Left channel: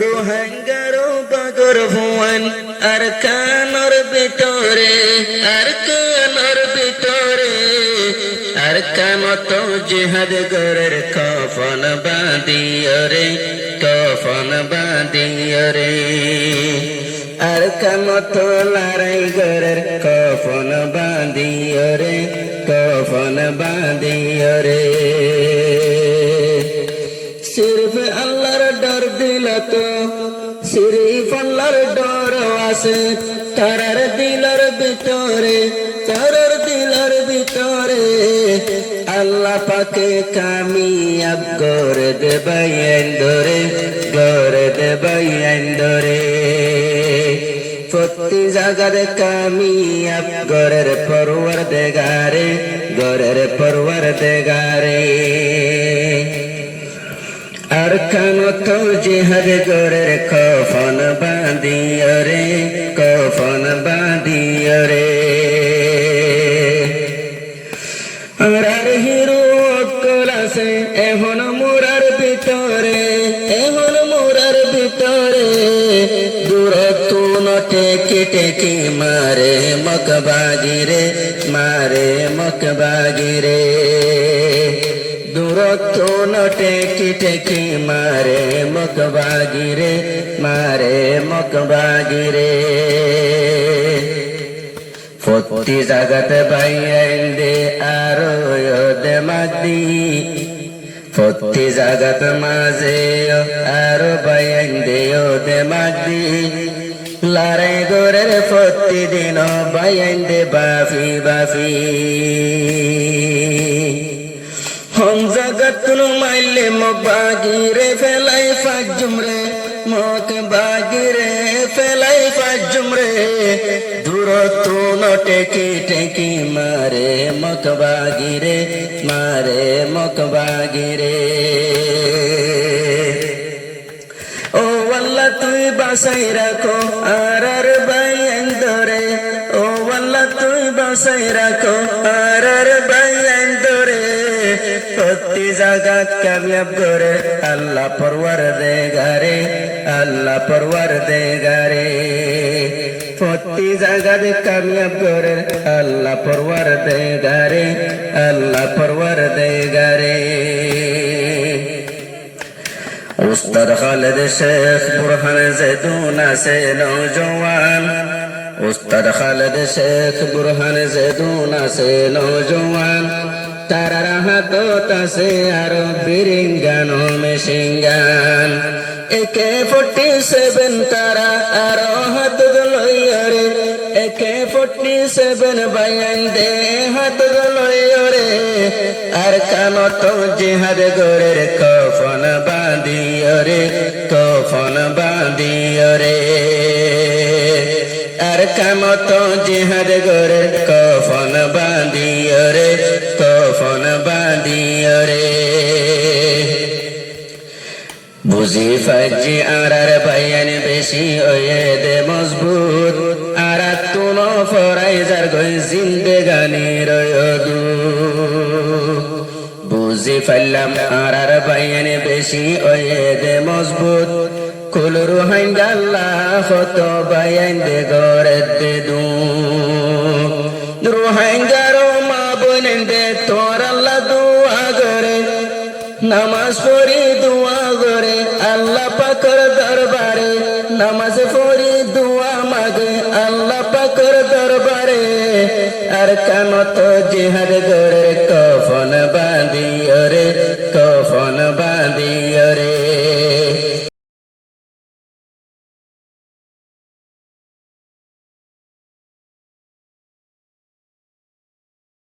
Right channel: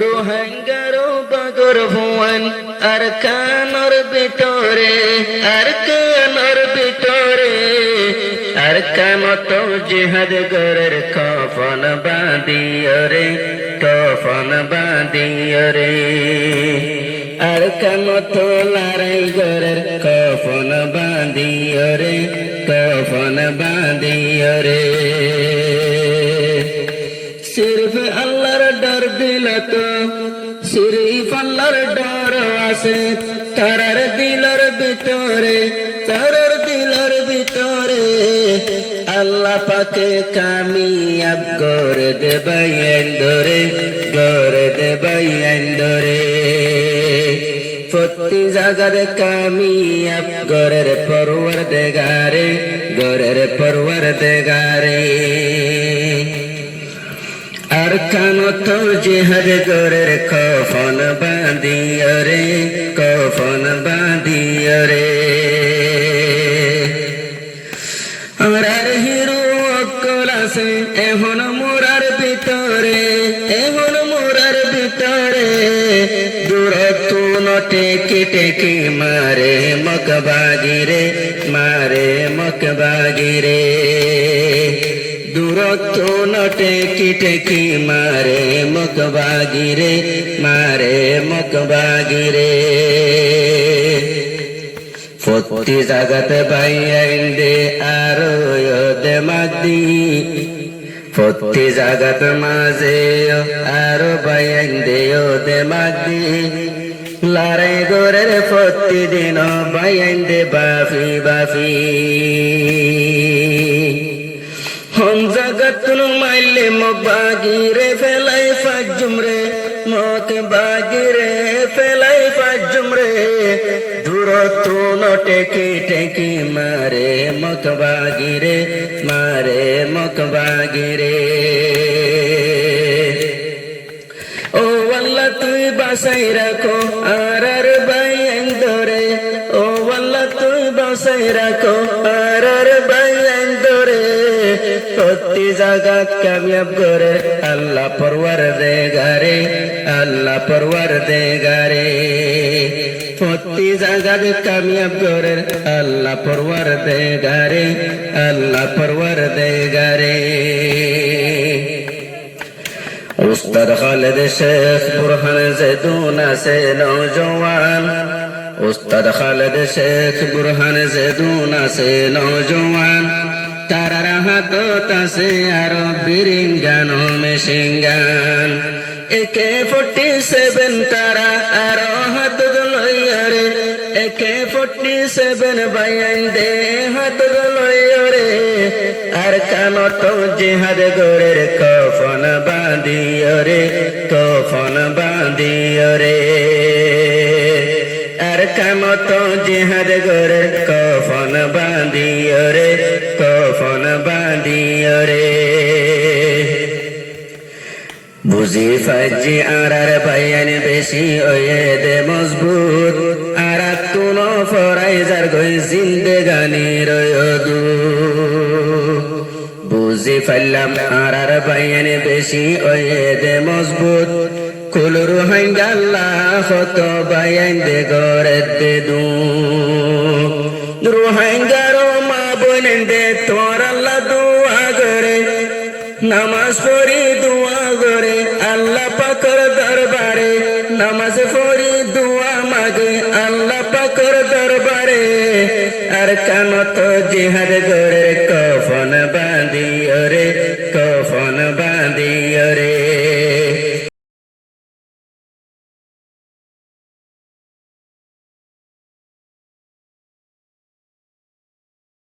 রোহাঙ্গারো বাগর ভুয়ান আর কানর ভিতরে আর কানর ভিতরে আর কামত জিহাদ গরের কফন বাঁধিও রে কফন বাঁধিও রে আর কামত লড়াই গরের কফন বাঁধিও রে কফন বাঁধিও রে सिर्फ अल्लाहर डर दिल तो सिर्फ अल्लाहर डर आसे तारार दिलर भितरे तारार दिलर भितरे अल्लाह पाके कामयाब करे देबै अंदरे करे देबै अंदरे प्रति জায়গার কামিয়াব গরের পরওয়ারদিগারে গরের পরওয়ারদিগারে আর কানত জিহাদ গরের কফন বাঁধিও রে কফন বাঁধিও রে আর হিরো অকল আছে এখন মোরার ভিতরে এখন মোরার ভিতরে দূরত্ব টেকে টেকে মারে মকবাগিরে মারে মকবাগিরে দূরত্ব টেকি টেকি মারে মকবাগিরে মারে মকবাগিরে প্রতি জাগাত বাইন্দে আরো দে মাদি প্রতি জাগাত মাঝে আরো বাইন্দে দে মাদি লড়াই গোরের প্রতিদিন বাইন্দে বাফি বাফি हम जगत माइले मकबागिरे फेलाई फाजुमरे मकबागिरे फेलाई फाजुमरे दूरत्व टेकी टेकी मारे मकबागिरे मारे मकबागिरे ओ वल्ला तुई बासाई राखो आरार बायंदरे ओ वल्ला तुई बासाई राखो आरार बायंदरे প্রতি জাগাত কামিয়াব করে আল্লাহ পরওয়ারদিগারে আল্লাহ পরওয়ারদিগারে প্রতি জাগাত কামিয়াব করে আল্লাহ পরওয়ারদিগারে আল্লাহ পরওয়ারদিগারে উস্তাদ খালেদ শেখ বুরহান জেদুন আছে নওজওয়ান উস্তাদ খালেদ শেখ বুরহান জেদুন আছে নওজওয়ান তারার হাতত আছে আরো বিরিঙ্গান মেশিনগান AK-47 তারা আরো হাতত লইরে AK-47 বাইন্দে হাতত লইরে আর কানত জিহাদ গরের কফন বাঁধিও রে কফন বাঁধিও রে আর কামত জিহাদ গরের কফন বাঁধিও রে কফন বাঁধিও রে বুঝি ফাজি আরার বায়ান বেশি ওয়ে দে মজবুত আর তুন ফরাইজার গই জিন্দেগানি রয়দু বুঝি ফাইলাম আরার বায়ান বেশি ওয়ে দে মজবুত কুলুর হাঙ্গাল্লা হত বায়ান দে গরে দে দু রোহাঙ্গারো মা বনেন্দে তোর আল্লাহ দুয়া করে নামাজ পড়ি দুয়া করে আল্লাহ পাকের দরবারে নামাজ পড়ি দুয়া মাগে আল্লাহ পাকের দরবারে আর কানত জিহাদ